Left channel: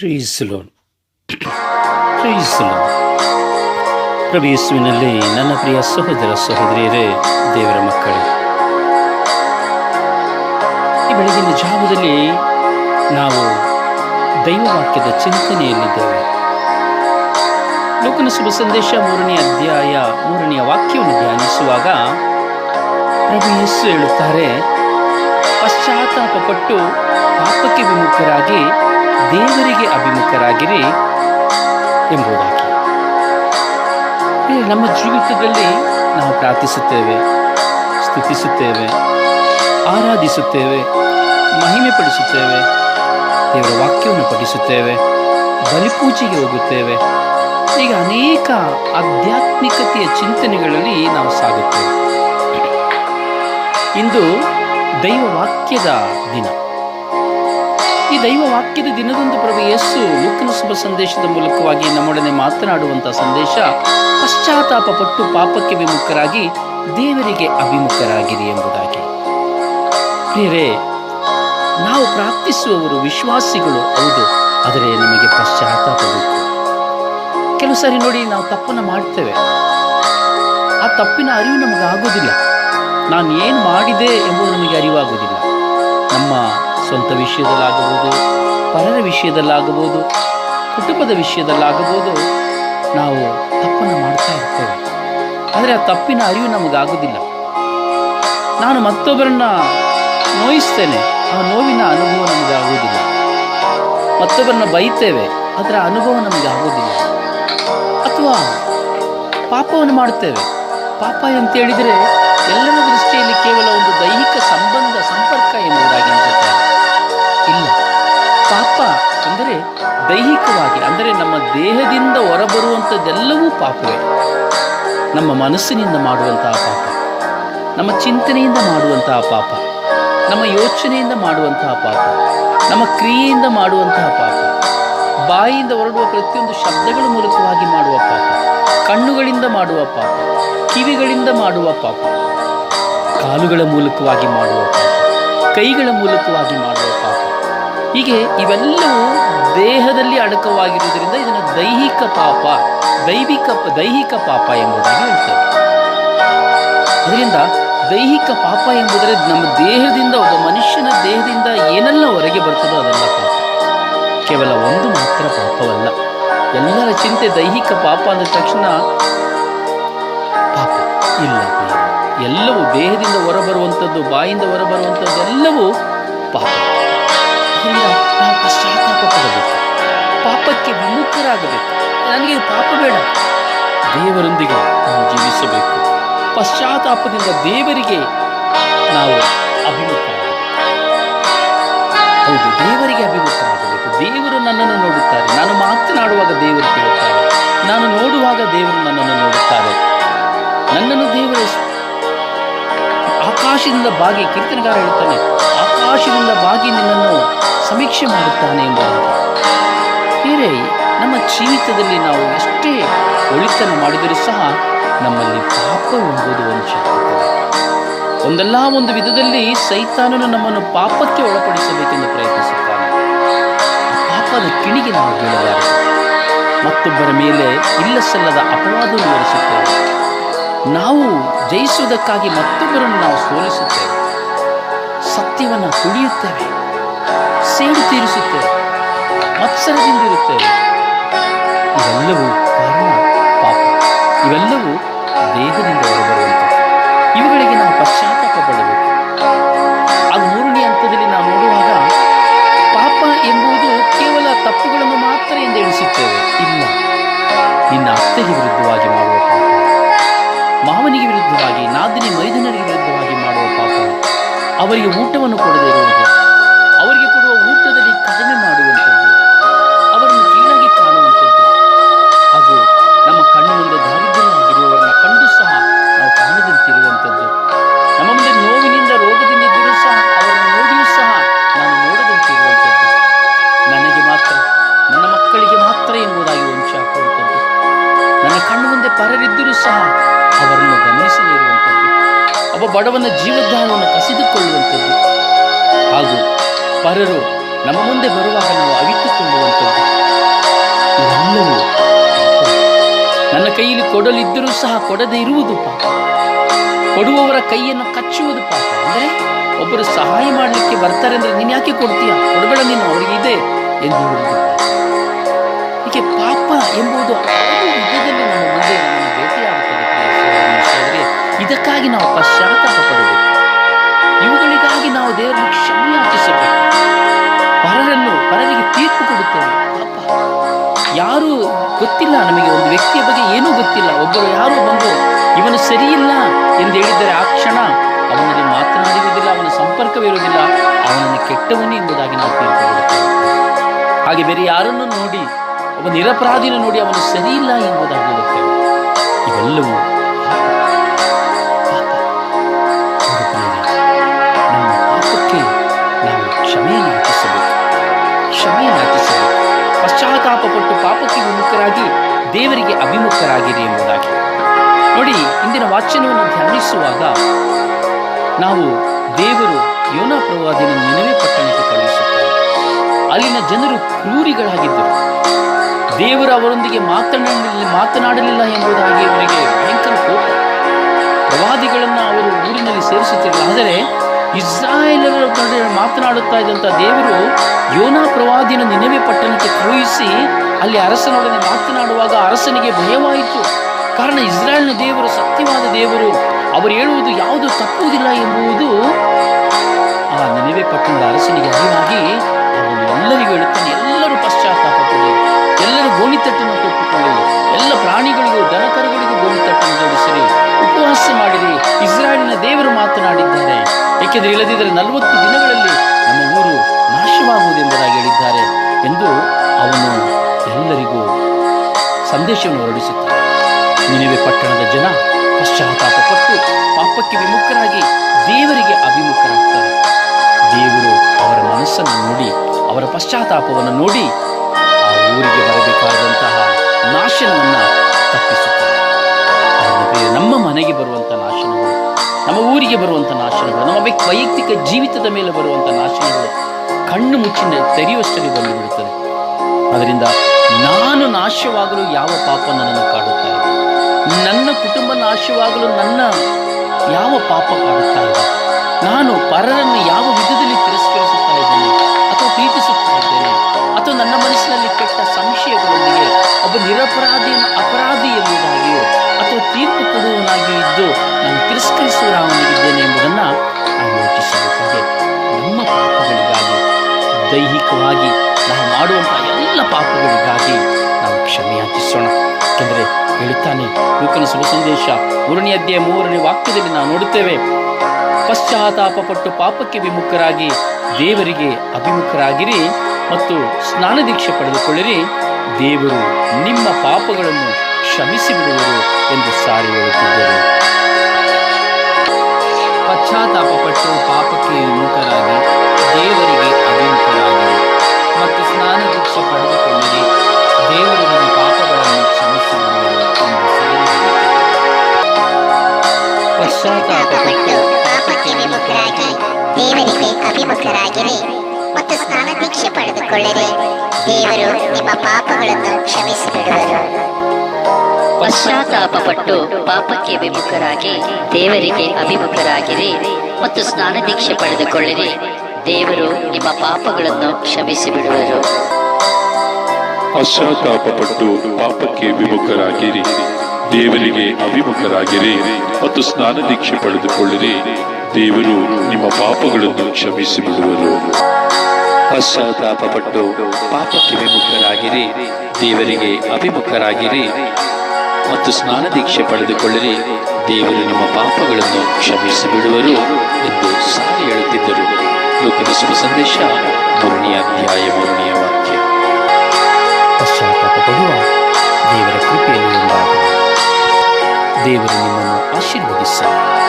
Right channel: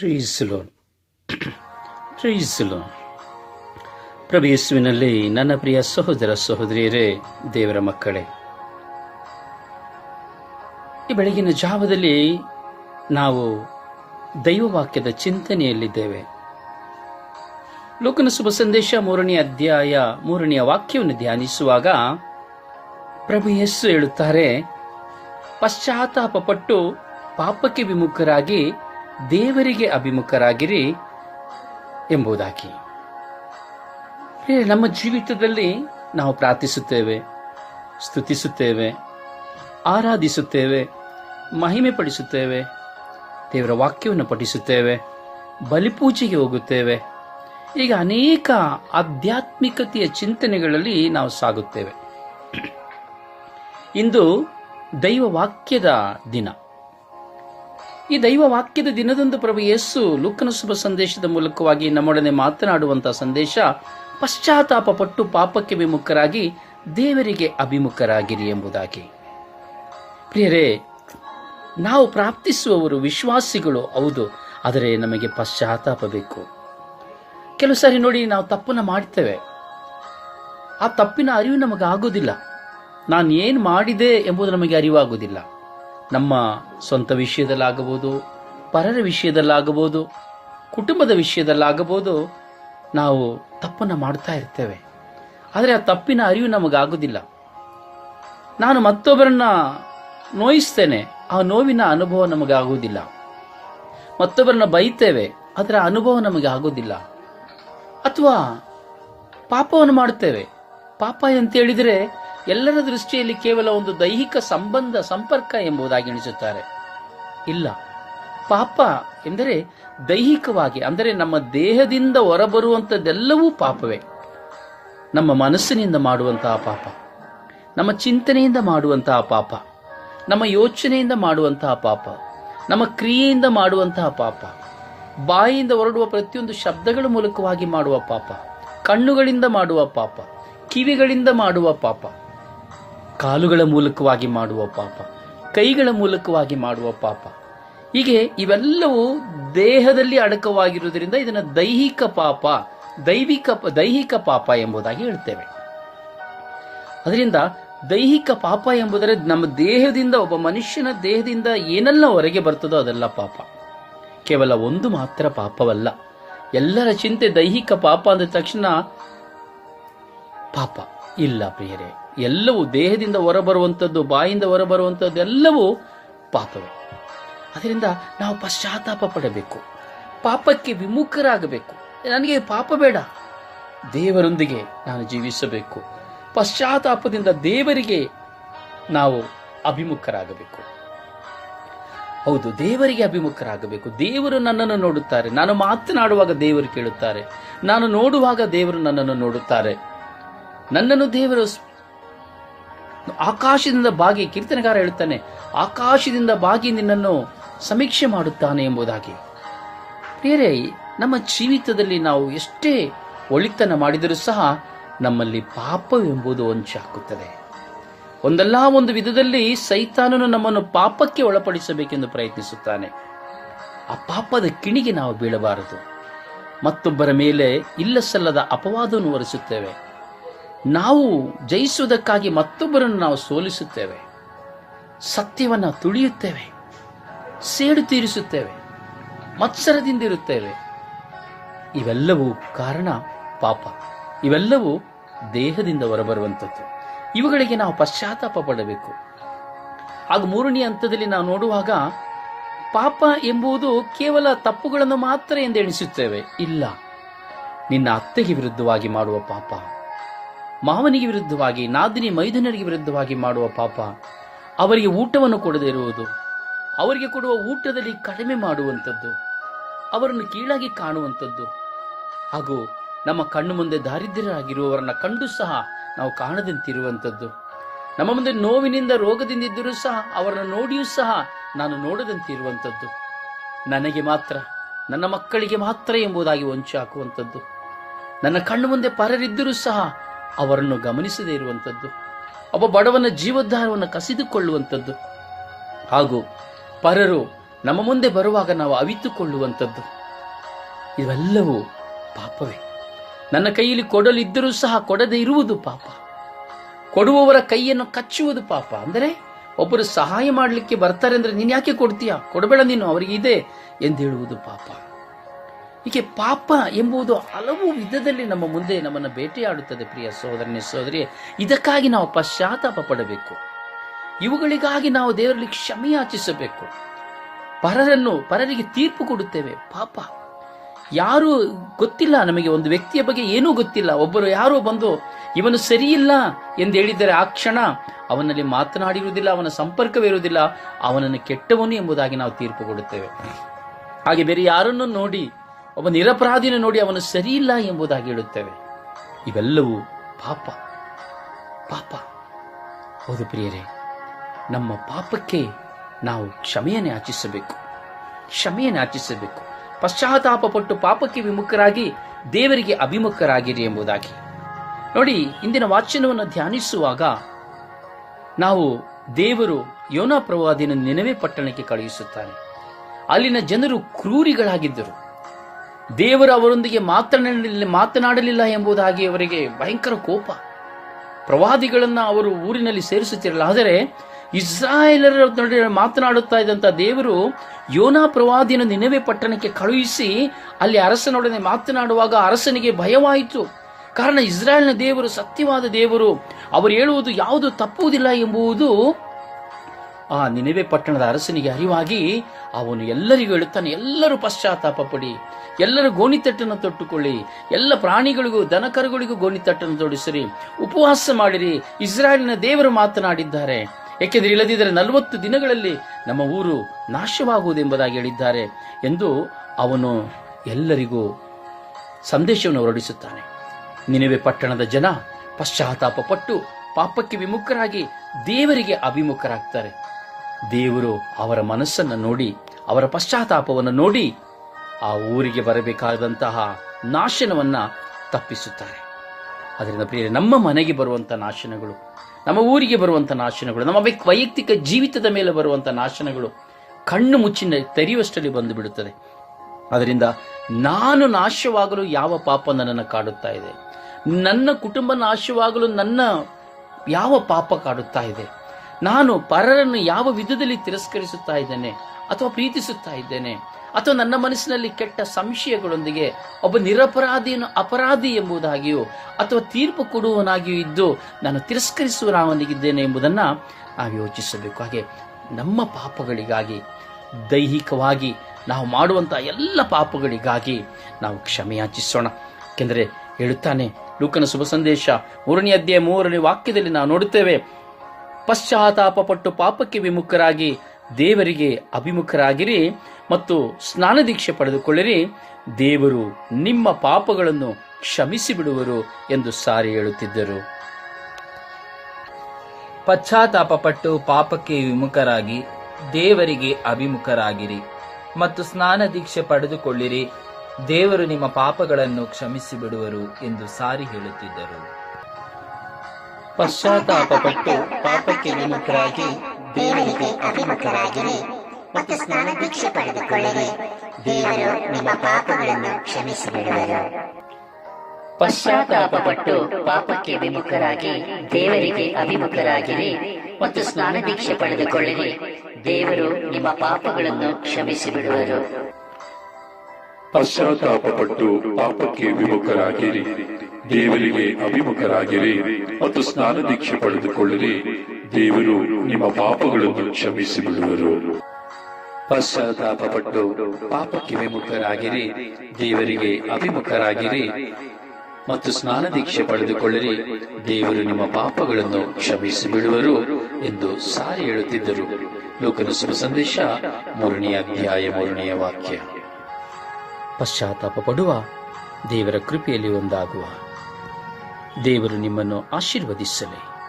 ಪ್ರೀಸಲೋನ್ ಪ್ರೀಸಲೋನ್ ಪ್ರಭು ನನ್ನ ಪ್ರಿಯ ಸಹೋದರ ಸಹೋದರಿಯರೇ, ದೇವರ ಮಕ್ಕಳೇ. ಈ ಬೆಳಗಿನ ಜಾವದಲ್ಲಿ ನಾವು ದೈವವಾಕ್ಯದ ಚಿಂತನೆಯಲ್ಲಿದ್ದೇವೆ. ಲೋಕನ ಶುಭ ಸಂದೇಶ ಮೂರನೇ ಅಧ್ಯಾಯ ಮೂರನೆಯ ವಾಕ್ಯವನ್ನು ಧ್ಯಾನಿಸುವಾಗ ಪ್ರಭು ಯೇಸು ಹೇಳುತ್ತಾರೆ, ಪಶ್ಚಾತ್ತಾಪಪಟ್ಟು ಪಾಪಕ್ಕೆ ವಿಮುಖರಾಗಿ ದೇವರಿಗೆ ಅಭಿಮುಖರಾಗಿರಿ ಎಂಬುದಾಗಿ. ನಮ್ಮ ಜೀವಿತದಲ್ಲಿ ನಾವು ಪ್ರಾರ್ಥಿಸುತ್ತೇವೆ, ಸ್ತುತಿಸುತ್ತೇವೆ, ಆರಾಧಿಸುತ್ತೇವೆ ಮಹಿಮೆ ಪಡಿಸುತ್ತೇವೆ ದೇವರ ವಾಕ್ಯವನ್ನು ಪಠಿಸುತ್ತೇವೆ, ಬಲಿಪೂಜೆಗೆ ಹೋಗುತ್ತೇವೆ. ಈಗ ಅನೇಕ ಆಧ್ಯಾತ್ಮಿಕತೆಯ ಚಿಂತನೆಗಳಲ್ಲಿ ನಾವು ಸಾಗುತ್ತೇವೆ. ಇಂದು ದೈವ ವಾಕ್ಯದ ದಿನ. ಈ ದೈವ ವಾಕ್ಯದ ದಿನದಂದು ಪ್ರಭು ಯೇಸು ನೂತನ ಶುಭ ಸಂದೇಶದ ಮೂಲಕವಾಗಿ ನಮ್ಮೊಡನೆ ಮಾತನಾಡುವಂಥ ಸಂದೇಶ, ಪಶ್ಚಾತ್ತಾಪ ಪಟ್ಟು ಪಾಪಕ್ಕೆ ವಿಮುಖರಾಗಿ ದೇವರಿಗೆ ಅಭಿಮುಖರಾಗಿರಿ ಎಂಬುದಾಗಿ. ಪ್ರಿಯರೇ, ನಾವು ಪ್ರಾರ್ಥಿಸುವವರು ವಿಶ್ವಾಸಿಗಳು, ಹೌದು, ಆದರೆ ನಮಗೆ ಪಶ್ಚಾತ್ತಾಪ ಬೇಕು. ಕೆಲವು ಸಾರಿ ನೋಡಿ ನಾವು ತಪ್ಪನ್ನು ಮಾಡ್ತೇವೆ. ಆ ತಪ್ಪಿನ ಅರಿವು ನಮಗಾಗೋದಿಲ್ಲ ನಾನು ಏನು ಮಾಡಿದೆ ಎಂಬುದು ನಮಗೆ ಅರಿವಾಗುವುದಿಲ್ಲ. ನಮ್ಮ ಸ್ವಂತ ವಿಷಯದಲ್ಲಾಗಬಹುದು, ಪರರ ವಿಷಯದಲ್ಲಾಗಬಹುದು, ಕುಟುಂಬದ ವಿಷಯದಲ್ಲಾಗಬಹುದು, ನಾವು ತಪ್ಪನ್ನು ಮಾಡ್ತಾ ಇರ್ತೇವೆ. ಆದರೆ ಆ ತಪ್ಪಿನ ಅರಿವು ನಮಗಾಗೋದಿಲ್ಲ ನಾನು ಮತ್ತೊಬ್ಬರನ್ನ ನೋಯಿಸ್ತೇನೆ, ಆ ನೋವಿನ ಅನುಭವ ನಮಗಾಗುವುದಿಲ್ಲ. ಮತ್ತೊಬ್ಬರನ್ನ ಬೈತೇವೆ, ಅದರ ಅನುಭವ ನಮಗೆ ಆಗೋದಿಲ್ಲ ಅಥವಾ ಪಾಪವನ್ನು ಮಾಡುತ್ತೇವೆ. ಪಾಪ ಅಂತ ಹೇಳಿದರೆ ಎಲ್ಲರ ದೃಷ್ಟಿಯಲ್ಲಿ ಕೇವಲ ಒಂದು ದೈಹಿಕ ಸಂಬಂಧ, ಸಂಪರ್ಕ ಎಂಬುದಾಗಿ ಅನಿಸುತ್ತಾರೆ ಇಲ್ಲ. ಪಾಪ ಅಂದರೆ ದೈಹಿಕವಾಗಿ, ಅಂದರೆ ನಮ್ಮ ದೇಹದಿಂದ ಹೊರಬರುವಂಥದ್ದೆಲ್ಲವೂ ಪಾಪವೇ. ನಮ್ಮ ಮನಸ್ಸಿನಿಂದ ಮಾಡುವಂತಹ ಪಾಪ, ನಮ್ಮ ಚಿಂತನೆಯಿಂದ ಮಾಡುವಂತಹ ಪಾಪ, ನಮ್ಮ ಯೋಚನೆಯಿಂದ ಮಾಡುವಂತಹ ಪಾಪ, ನಮ್ಮ ಕ್ರಿಯೆಯಿಂದ ಮಾಡುವಂತಹ ಪಾಪ ಬಾಯಿಯಿಂದ ಹೊರಡುವ ಪ್ರತಿಯೊಂದು ಶಬ್ದಗಳ ಮೂಲಕವಾಗಿ ಮಾಡುವ ಪಾಪ, ಕಣ್ಣುಗಳಿಂದ ಮಾಡುವ ಪಾಪ, ಕಿವಿಗಳಿಂದ ಮಾಡುವ ಪಾಪ, ಕಾಲುಗಳ ಮೂಲಕವಾಗಿ ಮಾಡುವ ಪಾಪ, ಕೈಗಳ ಮೂಲಕವಾಗಿ ಮಾಡುವ ಪಾಪ. ಹೀಗೆ ಇವೆಲ್ಲವೂ ದೇಹದಲ್ಲಿ ಅಡಕವಾಗಿರುವುದರಿಂದ ಇದನ್ನು ದೈಹಿಕ ಪಾಪ, ದೈವಿಕ ದೈಹಿಕ ಪಾಪ ಎಂಬುದಾಗಿ ಹೇಳ್ತೇವೆ. ಅದರಿಂದ ದೈಹಿಕ ಪಾಪ ಎಂಬುದರೆ ನಮ್ಮ ದೇಹದಿಂದ, ಒಬ್ಬ ಮನುಷ್ಯನ ದೇಹದಿಂದ ಏನೆಲ್ಲ ಹೊರಗೆ ಬರ್ತದೋ ಅದೆಲ್ಲ ಪಾಪ. ಕೇವಲ ಒಂದು ಮಾತ್ರ ಪಾಪವಲ್ಲ. ಎಲ್ಲರ ಚಿಂತೆ ದೈಹಿಕ ಪಾಪ ಅಂದ ತಕ್ಷಣ ಪಾಪ ಇಲ್ಲ. ಎಲ್ಲವೂ ದೇಹದಿಂದ ಹೊರಬರುವಂಥದ್ದು, ಬಾಯಿಂದ ಹೊರಬರುವಂಥದ್ದು ಎಲ್ಲವೂ ಪಾಪ. ಅದರಿಂದ ನಾವು ಪಶ್ಚಾತ್ತಾಪ ಪಡಬೇಕು ಪಾಪಕ್ಕೆ ವಿಮುಖರಾಗಬೇಕು. ನನಗೆ ಪಾಪ ಬೇಡ. ದೇವರೊಂದಿಗೆ ನಾವು ಜೀವಿಸಬೇಕು. ಪಶ್ಚಾತ್ತಾಪದಿಂದ ದೇವರಿಗೆ ನಾವು ಅಭಿಮುಖರಾಗಬೇಕು. ಹೌದು, ದೇವರಿಗೆ ಅಭಿಮುಖರಾಗಬೇಕು. ದೇವರು ನನ್ನನ್ನು ನೋಡುತ್ತಾರೆ. ನಾನು ಮಾತನಾಡುವಾಗ ದೇವರು ಕೇಳುತ್ತಾರೆ. ನಾನು ನೋಡುವಾಗ ದೇವರು ನನ್ನನ್ನು ನೋಡುತ್ತಾರೆ. ನನ್ನನ್ನು ದೇವರು ಆಕಾಶದಿಂದ ಬಾಗಿ ಕೀರ್ತನೆಗಾರ ಹೇಳುತ್ತಾನೆ, ಆಕಾಶದಿಂದ ಬಾಗಿ ನಿನ್ನನ್ನು ಸಮೀಕ್ಷೆ ಮಾಡುತ್ತಾನೆ ಎಂಬುದಾಗಿ. ಬೇರೆ ನಮ್ಮ ಜೀವಿತದಲ್ಲಿ ನಾವು ಎಷ್ಟೇ ಒಳಿತನ ಮಾಡಿದರೂ ಸಹ ನಮ್ಮಲ್ಲಿ ಪಾಪ ಎಂಬುದು ಅಂಶ ಆಗ್ತದೆ ಒಂದಲ್ಲ ಒಂದು ವಿಧದಲ್ಲಿ ಸೈತಾನನು ನಮ್ಮನ್ನು ಪಾಪಕ್ಕೆ ಒಳಪಡಿಸಬೇಕೆಂದು ಪ್ರಯತ್ನಿಸುತ್ತಾನೆ. ಆ ಪಾಪದ ಕಿಣಿಗೆ ನಾವು ಬೀಳಬಾರದು. ಮತ್ತೊಬ್ಬರ ಮೇಲೆ ಇಲ್ಲಸಲ್ಲದ ಅಪವಾದವನ್ನು ಹೊರಿಸುತ್ತೇವೆ ನಾವು ಜಯಿಸುವುದಕ್ಕಾಗಿ ಮತ್ತೊಬ್ಬರನ್ನು ನಾವು ಸೋಲಿಸುತ್ತೇವೆ. ಸತ್ಯವನ್ನು ತುಳಿಯುತ್ತೇವೆ. ಸೇಡು ತೀರಿಸುತ್ತೇವೆ. ಮತ್ಸರದಿಂದಿರುತ್ತೇವೆ ಇವೆಲ್ಲವೂ ಕಾರಣ ಪಾಪ. ಇವೆಲ್ಲವೂ ದೇಹದಿಂದ ಹೊರಬರುವಂಥದ್ದು. ಇವುಗಳಿಗೆ ನಾವು ಪಶ್ಚಾತ್ತಾಪ ಪಡಬೇಕು. ಅದು ಮೂರನೇ ಹಂತದಲ್ಲಿ ನಾವು ನೋಡುವಾಗ ಪಾಪ ಎಂಬುದು ಕೇವಲ ತಪ್ಪುಗಳನ್ನು ಮಾತ್ರ ಎಂದು ಎಣಿಸುತ್ತೇವೆ. ಇಲ್ಲ. ನಿನ್ನ ಅತ್ತೆಗೆ ವಿರುದ್ಧವಾಗಿ ಮಾಡುವ ಪಾಪ. ಮಾವನಿಗೆ ವಿರುದ್ಧವಾಗಿ, ನಾದಿನಿ ಮೈದುನರಿಗೆ ವಿರುದ್ಧವಾಗಿ ಮಾಡುವ ಪಾಪ. ಅವರಿಗೆ ಊಟವನ್ನು ಕೊಡದೇ ಇರುವುದು. ಅವರಿಗೆ ಕೊಡುವ ಊಟದಲ್ಲಿ ಕಡಿಮೆ ಮಾಡುವಂಥದ್ದು. ಅವರನ್ನು ಕೀಳಾಗಿ ಕಾಣುವಂಥದ್ದು. ಹಾಗೂ ನಮ್ಮ ಕಣ್ಣು ಮುಂದೆ ದಾರಿದ್ರ್ಯವಾಗಿರುವವರನ್ನು ಕಂಡು ಸಹ ನಾವು ಕಾಣದಂತಿರುವಂಥದ್ದು. ನಮ್ಮ ಮುಂದೆ ನೋವಿನಿಂದ ರೋಗದಿಂದ ಇದ್ದರೂ ಸಹ ಅವರನ್ನು ನೋಡಿಯೂ ಸಹ ನಾನು ನೋಡದಂತಿರುವಂಥದ್ದು. ನನಗೆ ಮಾತ್ರ, ನನ್ನ ಮಕ್ಕಳಿಗೆ ಮಾತ್ರ ಎಂಬುದಾಗಿ ವಂಶ ಹಾಕುವಂಥದ್ದು ನನ್ನ ಕಣ್ಣು ಮುಂದೆ ಪರರಿದ್ದರೂ ಸಹ ಅವರನ್ನು ಗಮನಿಸದೇ ಇರುವಂಥದ್ದು ಒಬ್ಬ ಬಡವನ ಜೀವದಾನವನ್ನು ಕಸಿದುಕೊಳ್ಳುವಂಥದ್ದು. ಹಾಗೂ ಪರರು ನಮ್ಮ ಮುಂದೆ ಬರುವಾಗ ನಾವು ಅವಿತುಕೊಳ್ಳುವಂಥದ್ದು. ಇವೆಲ್ಲವೂ ನನ್ನ ಕೈಯಲ್ಲಿ ಕೊಡಲಿದ್ದರೂ ಸಹ ಕೊಡದೇ ಇರುವುದು ಪಾಪ. ಕೊಡುವವರ ಕೈಯನ್ನು ಕಚ್ಚುವುದು ಪಾಪ. ಅಂದರೆ ಒಬ್ಬರು ಸಹಾಯ ಮಾಡಲಿಕ್ಕೆ ಬರ್ತಾರೆ ಅಂದ್ರೆ ನೀನು ಯಾಕೆ ಕೊಡ್ತೀಯ? ಕೊಡಬೇಡ ನೀನು, ಅವರಿಗೆ ಇದೆ ಎಂದು ಹೇಳುವುದು ಪಾಪ. ಹೀಗೆ ಪಾಪ ಎಂಬುದು ಹಲವು ನಮ್ಮ ಮುಂದೆ ಇದಕ್ಕಾಗಿ ನಾವು ಪಶ್ಚಾತ್ತಾಪ ಪಡಬೇಕು ಇವುಗಳಿಗಾಗಿ ನಾವು ದೇವರಲ್ಲಿ ಕ್ಷಮೆ ಯಾಚಿಸಬೇಕು ಪರರನ್ನು ಪರರಿಗೆ ತೀರ್ಪು ಕೊಡುತ್ತೇವೆ. ಪಾಪ, ಯಾರು ಗೊತ್ತಿಲ್ಲ ನಮಗೆ, ಒಂದು ವ್ಯಕ್ತಿಯ ಬಗ್ಗೆ ಏನೂ ಗೊತ್ತಿಲ್ಲ. ಒಬ್ಬರು ಯಾರೋ ಬಂದು, ಇವನು ಸರಿಯಿಲ್ಲ ಎಂದು ಹೇಳಿದರೆ ಆ ಕ್ಷಣ ಅವನಲ್ಲಿ ಮಾತನಾಡುವುದಿಲ್ಲ ಅವನ ಸಂಪರ್ಕವಿರುವುದಿಲ್ಲ ಅವನನ್ನು ಕೆಟ್ಟವನು ಎಂಬುದಾಗಿ ನಾವು ತೀರ್ಪು ಕೊಡುತ್ತೇವೆ. ಹಾಗೆ ಬೇರೆ ಯಾರನ್ನು ನೋಡಿ, ಒಬ್ಬ ನಿರಪರಾಧಿನ ನೋಡಿ ಅವನು ಸರಿಯಿಲ್ಲ ಎಂಬುದಾಗಿ ಹೇಳುತ್ತೇವೆ. ಇವೆಲ್ಲವೂ ಪಾಪಕ್ಕೆ ನಾವು ಕ್ಷಮೆಯನ್ನು ಅರ್ಪಿಸಬೇಕು. ಕ್ಷಮೆಯನ್ನು ಅರ್ಪಿಸಬೇಕು. ಪಶ್ಚಾತ್ತಾಪ ಪಟ್ಟು ಪಾಪಕ್ಕೆ ವಿಮುಖರಾಗಿ ದೇವರಿಗೆ ಅಭಿಮುಖರಾಗಿರಿ ಎಂಬುದಾಗಿ. ನೋಡಿ, ಇಂದಿನ ವಾಚನವನ್ನು ಧ್ಯಾನಿಸುವಾಗ ನಾವು ದೇವರು ಯೋನಾ ಪ್ರವಾದಿನ ನೆನವೆ ಪಟ್ಟಣಕ್ಕೆ ಕಳುಹಿಸುತ್ತಾರೆ. ಅಲ್ಲಿನ ಜನರು ಕ್ರೂರಿಗಳಾಗಿದ್ದರು. ದೇವರು ಅವರೊಂದಿಗೆ ಮಾತನಾಡಲಿಲ್ಲ ಮಾತನಾಡಲಿಲ್ಲ ಎಂಬುದಾಗಿ ಅವರಿಗೆ ಭಯಂಕರ ಕೋಪ. ಪ್ರವಾದಿಗಳನ್ನು ಅವರು ಊರಿನಲ್ಲಿ ಸೇರಿಸುತ್ತಿರಲಿಲ್ಲ. ಆದರೆ ಇಸ್ರಾಯೇಲರ ಮಾತನಾಡುತ್ತಾ ಇದ್ದಂಥ ದೇವರು ಯೋನಾ ಪ್ರವಾದಿನ ನಿನವೆ ಪಟ್ಟಣಕ್ಕೆ ಕಳುಹಿಸಿ ಅಲ್ಲಿ ಅರಸನೊಡನೆ ಮಾತನಾಡುವಾಗ ಅರಸನಿಗೆ ಭಯವಾಯಿತು. ಕಾರಣ ಇಸ್ರಾಯೇಲ್ನ ದೇವರು, ಸತ್ಯವಾದ ದೇವರು, ಅವರು ಹೇಳುವುದು ಯಾವುದು ತಪ್ಪುವುದಿಲ್ಲ ಎಂಬುವುದು ಆ ನಿನವೆ ಪಟ್ಟಣದ ಅರಸನಿಗೆ ಅರಿವಾಗಿ ಅವನು ಎಲ್ಲರಿಗೂ ಹೇಳುತ್ತಾನೆ ಎಲ್ಲರೂ ಪಶ್ಚಾತ್ತಾಪ ಪಡಿ ಎಲ್ಲರೂ ಗೋಣಿತಟ್ಟನ್ನು ತೊಟ್ಟುಕೊಳ್ಳಿ ಎಲ್ಲ ಪ್ರಾಣಿಗಳಿಗೂ ದನಕರುಗಳಿಗೂ ಗೋಣಿತಟ್ಟನ್ನು ಜೋಡಿಸಿರಿ. ಉಪವಾಸ ಮಾಡಿರಿ. ಇಸ್ರಾಯೇಲಿನ ದೇವರು ಮಾತನಾಡಿದ್ದಾರೆ. ಏಕೆಂದರೆ ಇಲ್ಲದಿದ್ದರೆ ನಲವತ್ತು ದಿನಗಳಲ್ಲಿ ನಮ್ಮ ಊರು ನಾಶವಾಗುವುದೆಂಬುದಾಗಿ ಹೇಳಿದ್ದಾರೆ ಎಂದು ಅವನು ಎಲ್ಲರಿಗೂ ಸಂದೇಶವನ್ನು ಹೊರಡಿಸುತ್ತಾನೆ. ನಿನವೆ ಪಟ್ಟಣದ ಜನ ಪಶ್ಚಾತ್ತಾಪ ಪಟ್ಟು ಪಾಪಕ್ಕೆ ವಿಮುಖರಾಗಿ ದೇವರಿಗೆ ಅಭಿಮುಖರಾಗ್ತಾರೆ. ದೇವರು ಅವರ ಮನಸ್ಸನ್ನು ನೋಡಿ ಅವರ ಪಶ್ಚಾತ್ತಾಪವನ್ನು ನೋಡಿ ಆ ಊರಿಗೆ ಬರಬೇಕಾದಂತಹ ನಾಶನವನ್ನು ತಪ್ಪಿಸುತ್ತಾರೆ. ಅವರ ನಮ್ಮ ಮನೆಗೆ ಬರುವಂಥ ನಾಶನಗಳು, ನಮ್ಮ ಊರಿಗೆ ಬರುವಂಥ ನಾಶನಗಳು, ನಮ್ಮ ವ್ಯಕ್ತಿ ವೈಯಕ್ತಿಕ ಜೀವಿತದ ಮೇಲೆ ಬರುವಂಥ ನಾಶನಗಳು ಕಣ್ಣು ಮುಚ್ಚಿನ ತೆರೆಯುವಷ್ಟರಲ್ಲಿ ಬಂದುಬಿಡುತ್ತದೆ. ಅದರಿಂದ ನಾನು ನಾಶವಾಗಲು ಯಾವ ಪಾಪ ನನ್ನನ್ನು ಕಾಡುತ್ತಾ ಇದೆ? ನನ್ನ ಕುಟುಂಬ ನಾಶವಾಗಲು ನನ್ನ ಯಾವ ಪಾಪ ಕಾಡುತ್ತಾ ಇದೆ? ನಾನು ಪರರನ್ನು ಯಾವ ವಿಧದಲ್ಲಿ ತಿರಸ್ಕರಿಸುತ್ತಾ ಇದ್ದೇನೆ ಅಥವಾ ಪ್ರೀತಿಸುತ್ತಾ ಇದ್ದೇನೆ ಅಥವಾ ನನ್ನ ಮನಸ್ಸಿನಲ್ಲಿ ಕೆಟ್ಟ ಸಂಶಯಗಳೊಂದಿಗೆ ಒಬ್ಬ ನಿರಪರಾಧಿಯನ್ನು ಅಪರಾಧಿ ಎಂಬುದಾಗಿಯೋ ಅಥವಾ ತೀರ್ಪು ಕೊಡುವವನಾಗಿಯೂ ಇದ್ದು ನಾನು ತಿರಸ್ಕರಿಸುವವನಾಗಿದ್ದೇನೆ ಎಂಬುದನ್ನು ನಾವು ಯೋಚಿಸಬೇಕಾಗಿದೆ ನಮ್ಮ ಪಾಪಗಳಿಗಾಗಿ, ದೈಹಿಕವಾಗಿ ನಾವು ಮಾಡುವಂಥ ಎಲ್ಲ ಪಾಪಗಳಿಗಾಗಿ ನಾವು ಕ್ಷಮೆಯಾಚಿಸೋಣ. ಏಕೆಂದರೆ ಹೇಳುತ್ತಾನೆ ಲೂಕನ ಶುಭ ಸಂದೇಶ ಮೂರನೇ ಅಧ್ಯಾಯ ಮೂರನೇ ವಾಕ್ಯದಲ್ಲಿ ನಾವು ನೋಡುತ್ತೇವೆ ಪಶ್ಚಾತ್ತಾಪ ಪಟ್ಟು ಪಾಪಕ್ಕೆ ವಿಮುಖರಾಗಿ ದೇವರಿಗೆ ಅಭಿಮುಖರಾಗಿರಿ ಮತ್ತು ಸ್ನಾನ ದೀಕ್ಷೆ ಪಡೆದುಕೊಳ್ಳಿರಿ. ದೇವರು ನಿಮ್ಮ ಪಾಪಗಳನ್ನು ಕ್ಷಮಿಸಿ ಬಿಡುವರು ಎಂದು ಸಾರಿ ಹೇಳುತ್ತಿದ್ದರು. ಪಶ್ಚಾತ್ತಾಪಪಟ್ಟು ಪಾಪಕ್ಕೆ ವಿಮುಖರಾಗಿ ದೇವರಿಗೆ ಅಭಿಮುಖರಾಗಿರಿ ಮತ್ತು ಸ್ನಾನ ದೀಕ್ಷೆ ಪಡೆದುಕೊಳ್ಳಿರಿ. ದೇವರು ನಿಮ್ಮ ಪಾಪಗಳನ್ನು ಕ್ಷಮಿಸಿ ಬಿಡುವರು ಎಂದು ಸಾರಿ ಹೇಳುತ್ತಿದ್ದರು. ಪಶ್ಚಾತ್ತಾಪ ಪಟ್ಟು ಪಾಪಕ್ಕೆ ವಿಮುಖರಾಗಿ ದೇವರಿಗೆ ಅಭಿಮುಖರಾಗಿರಿ. ಮತ್ತು ಸ್ನಾನ ದೀಕ್ಷೆ ಪಡೆದುಕೊಳ್ಳಿರಿ. ದೇವರು ನಿಮ್ಮ ಪಾಪಗಳನ್ನು ಕ್ಷಮಿಸಿಬಿಡುವರು. ಪಶ್ಚಾತ್ತಾಪಪಟ್ಟು ಪಾಪಕ್ಕೆ ವಿಮುಖರಾಗಿ ದೇವರಿಗೆ ಅಭಿಮುಖರಾಗಿರಿ. ಮತ್ತು ಸ್ನಾನ ದೀಕ್ಷೆ ಪಡೆದುಕೊಳ್ಳಿರಿ. ದೇವರು ನಿಮ್ಮ ಪಾಪಗಳನ್ನು ಕ್ಷಮಿಸಿ ಬಿಡುವರು ಪಶ್ಚಾತ್ತಾಪಪಟ್ಟು ಪಾಪಕ್ಕೆ ವಿಮುಖರಾಗಿರಿ. ದೇವರಿಗೆ ಅಭಿಮುಖರಾಗಿರಿ ಮತ್ತು ಸ್ನಾನ ದೀಕ್ಷೆ ಪಡೆದುಕೊಳ್ಳಿರಿ. ದೇವರು ನಿಮ್ಮ ಪಾಪಗಳನ್ನು ಕ್ಷಮಿಸಿ ಬಿಡುವರು. ಪಶ್ಚಾತ್ತಾಪಪಟ್ಟು ಪಾಪಕ್ಕೆ ವಿಮುಖರಾಗಿರಿ. ದೇವರಿಗೆ ಅಭಿಮುಖರಾಗಿರಿ ಮತ್ತು ಸ್ನಾನ ದೀಕ್ಷೆ ಪಡೆದುಕೊಳ್ಳಿರಿ. ದೇವರು ನಿಮ್ಮ ಪಾಪಗಳನ್ನು ಕ್ಷಮಿಸಿ ಬಿಡುವರು ಎಂದು ಸಾರಿ ಹೇಳುತ್ತಿದ್ದರು. ಲೋಕದ ಶುಭ ಸಂದೇಶ ಮೂರನೆಯ ಅಧ್ಯಾಯ ಮೂರನೆಯ ವಾಕ್ಯ. ಪಶ್ಚಾತ್ತಾಪ ಪಡುವ ದೇವರ ಕೃಪೆಯಲ್ಲಿ ಒಂದಾಗುವ. ದೇವರು ನಿಮ್ಮನ್ನು ಆಶೀರ್ವದಿಸಲಿ.